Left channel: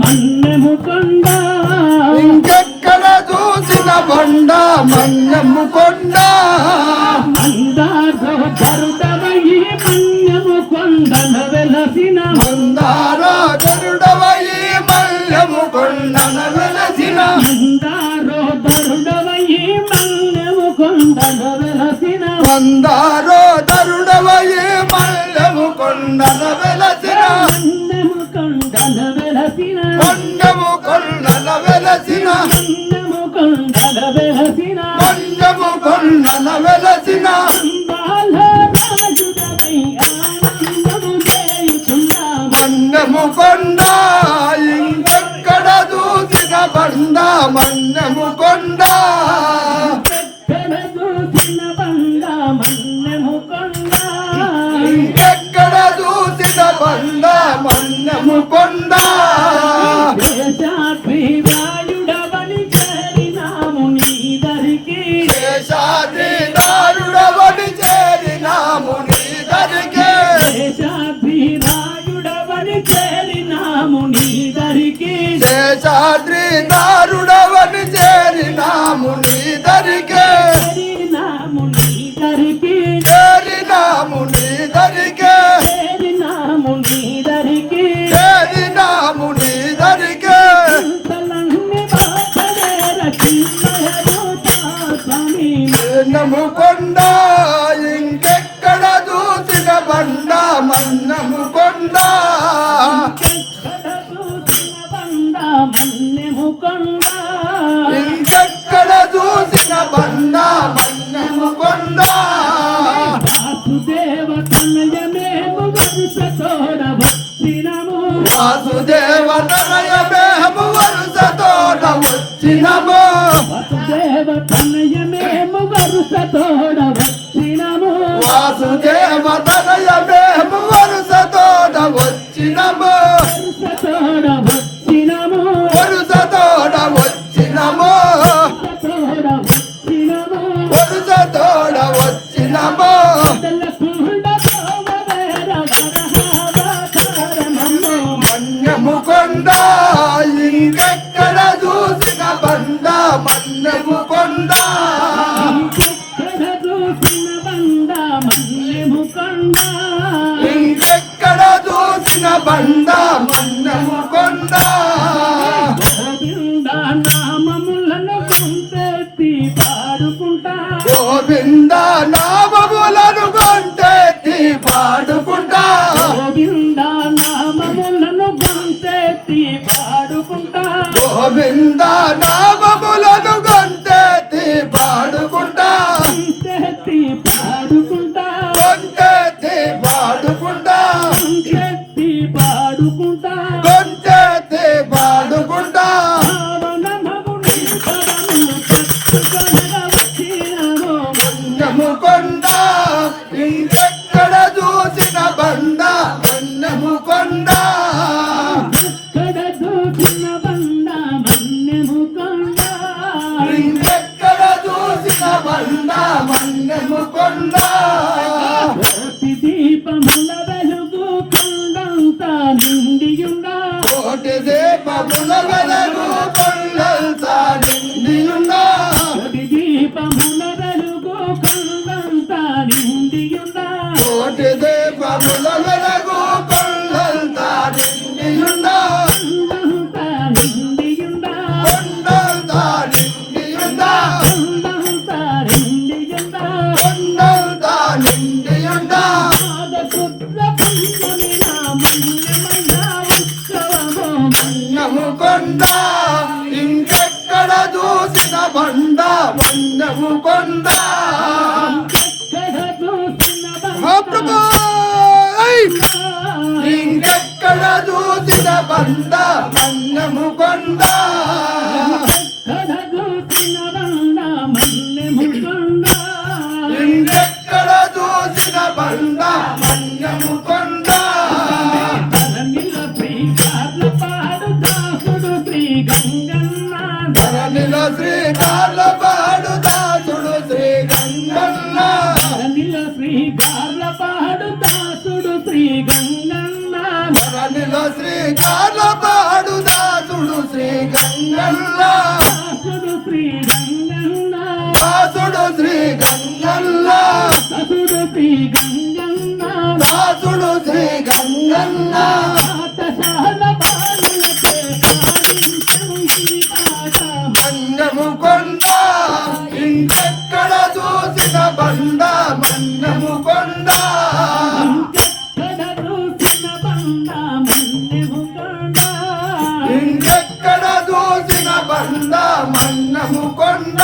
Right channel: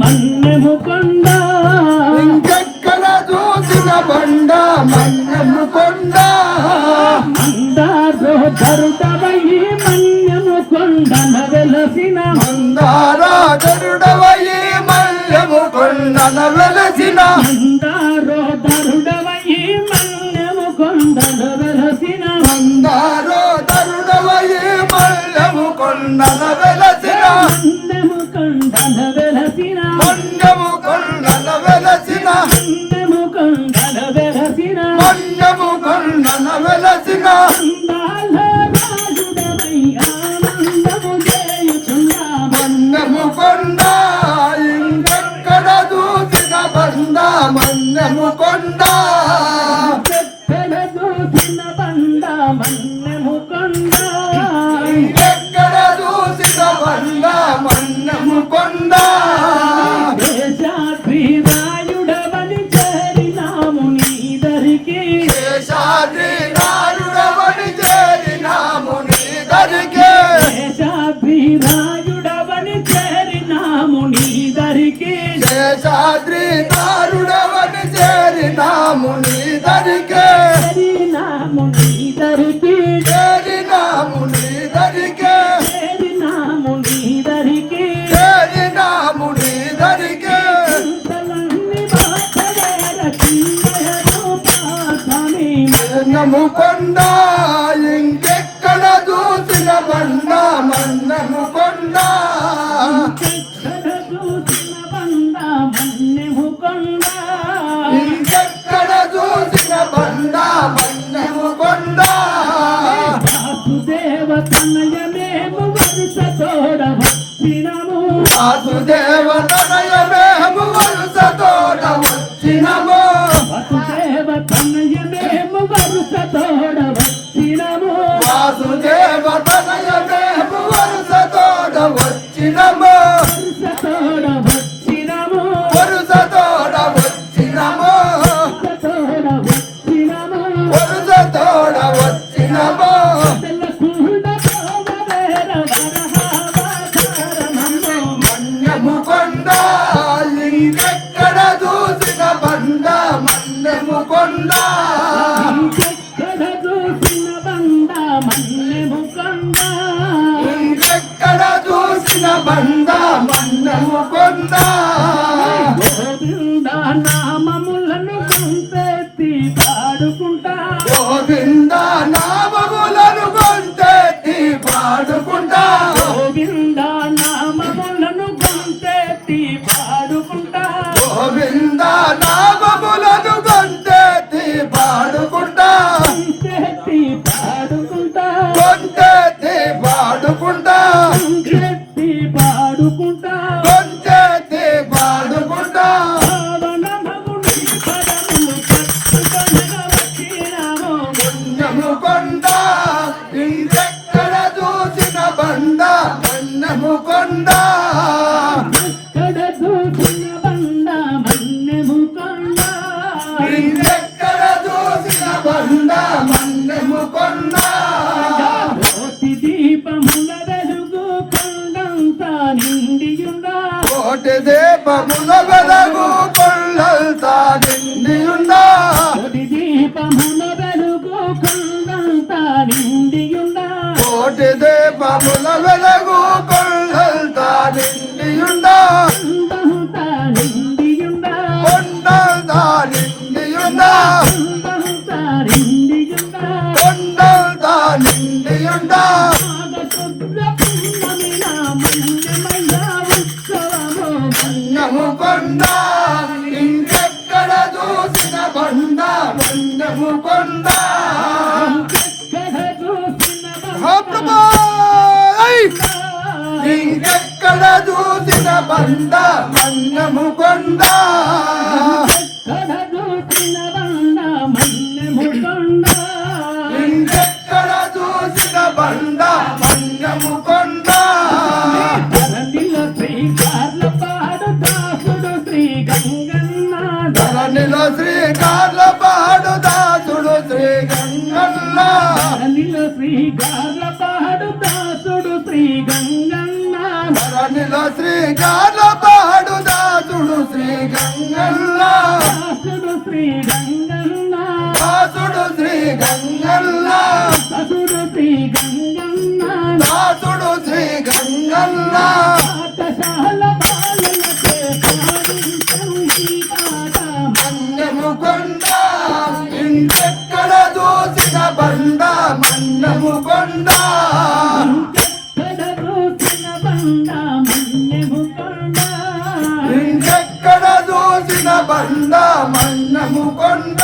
మన్నెము కొండ ఇంకెక్కడ చూసిన బండ మన్నము కొండ మందారో ధరుడవయి మన్నెము కొండన వెలసిన మందార గరుడవయి మల్లము కొండన వెలసిన మందారో ధరుడవయి మన్నెము కొండన వెలసిన మందారో దరుడవయి మల్లము కొండన వెలసిన మన్నము కొండ ఇంకెక్కడ చూసిన బండ? మన్నము కొండ. ఇంకెక్కడ చూసిన బండ? మన్నము కొండ. శేషాద్రి నారుడవని చేరినాము నీ దరికే. చేరినాము చేరినాము నీ దరికే. చేరినాము చేరినాము నీ దరికే. అంతలన్నీ బాధల రక్షింపయరు పాపమి. నము కొండ ఇంకెక్కడ చూసిన బండ మన్నము కొండ. వచ్చినము వాసుదేవ తనయమేహము వరుస తోట వచ్చినము వాసుదేవ తనయమేము వరుస తోడ వచ్చినము వాసుదేవ బండ మన్నము కొండ. గోవింద నామములను గుంతెత్తి పాడుకుంటా. గోవింద నామములను కొంటెత్తి పాడుకుంటా. గోవింద నామములను గుంతెత్తి పాడుకుంటా. గోవింద నామములను పుణ్యము కొండ ఇంకెక్కడ చూసిన బండ? కన్నము కొండ. ఎక్కడ చూసిన బండ? మన్నెము కొండ. ఇంకెక్కడ చూసిన బండ? మన్నము కొండ. కోటి దీపముల వెలుగు కొండంతా నిండియుండా కోటి దీపముల వెలుగు కొండల్తా నిండియున్నా కోటి దీపముల కోటి దీపముల వెలుగు కొండల్తా నిండియుండా. కొండల్తా నిండియుండా. కొండల్తా నిండియున్నా నాగశుద్ధ కొండ ఇంకెక్కడ చూసిన బండ మన్నము కొండ. మహాప్రభా! ఇంకెక్కడ చూసిన బండ మన్నము కొండ? గార్లపాడు దాసుడు శ్రీ గంగన్న ధరణిలో శ్రీ గార్లపాడు దాసుడు శ్రీ గంగన్న దాసుడు శ్రీ గంగన్న దాసుడు శ్రీ గంగన్న దాసుడు శ్రీ గంగన్న ఇంకెక్కడ చూసిన బండ మన్నము కొండ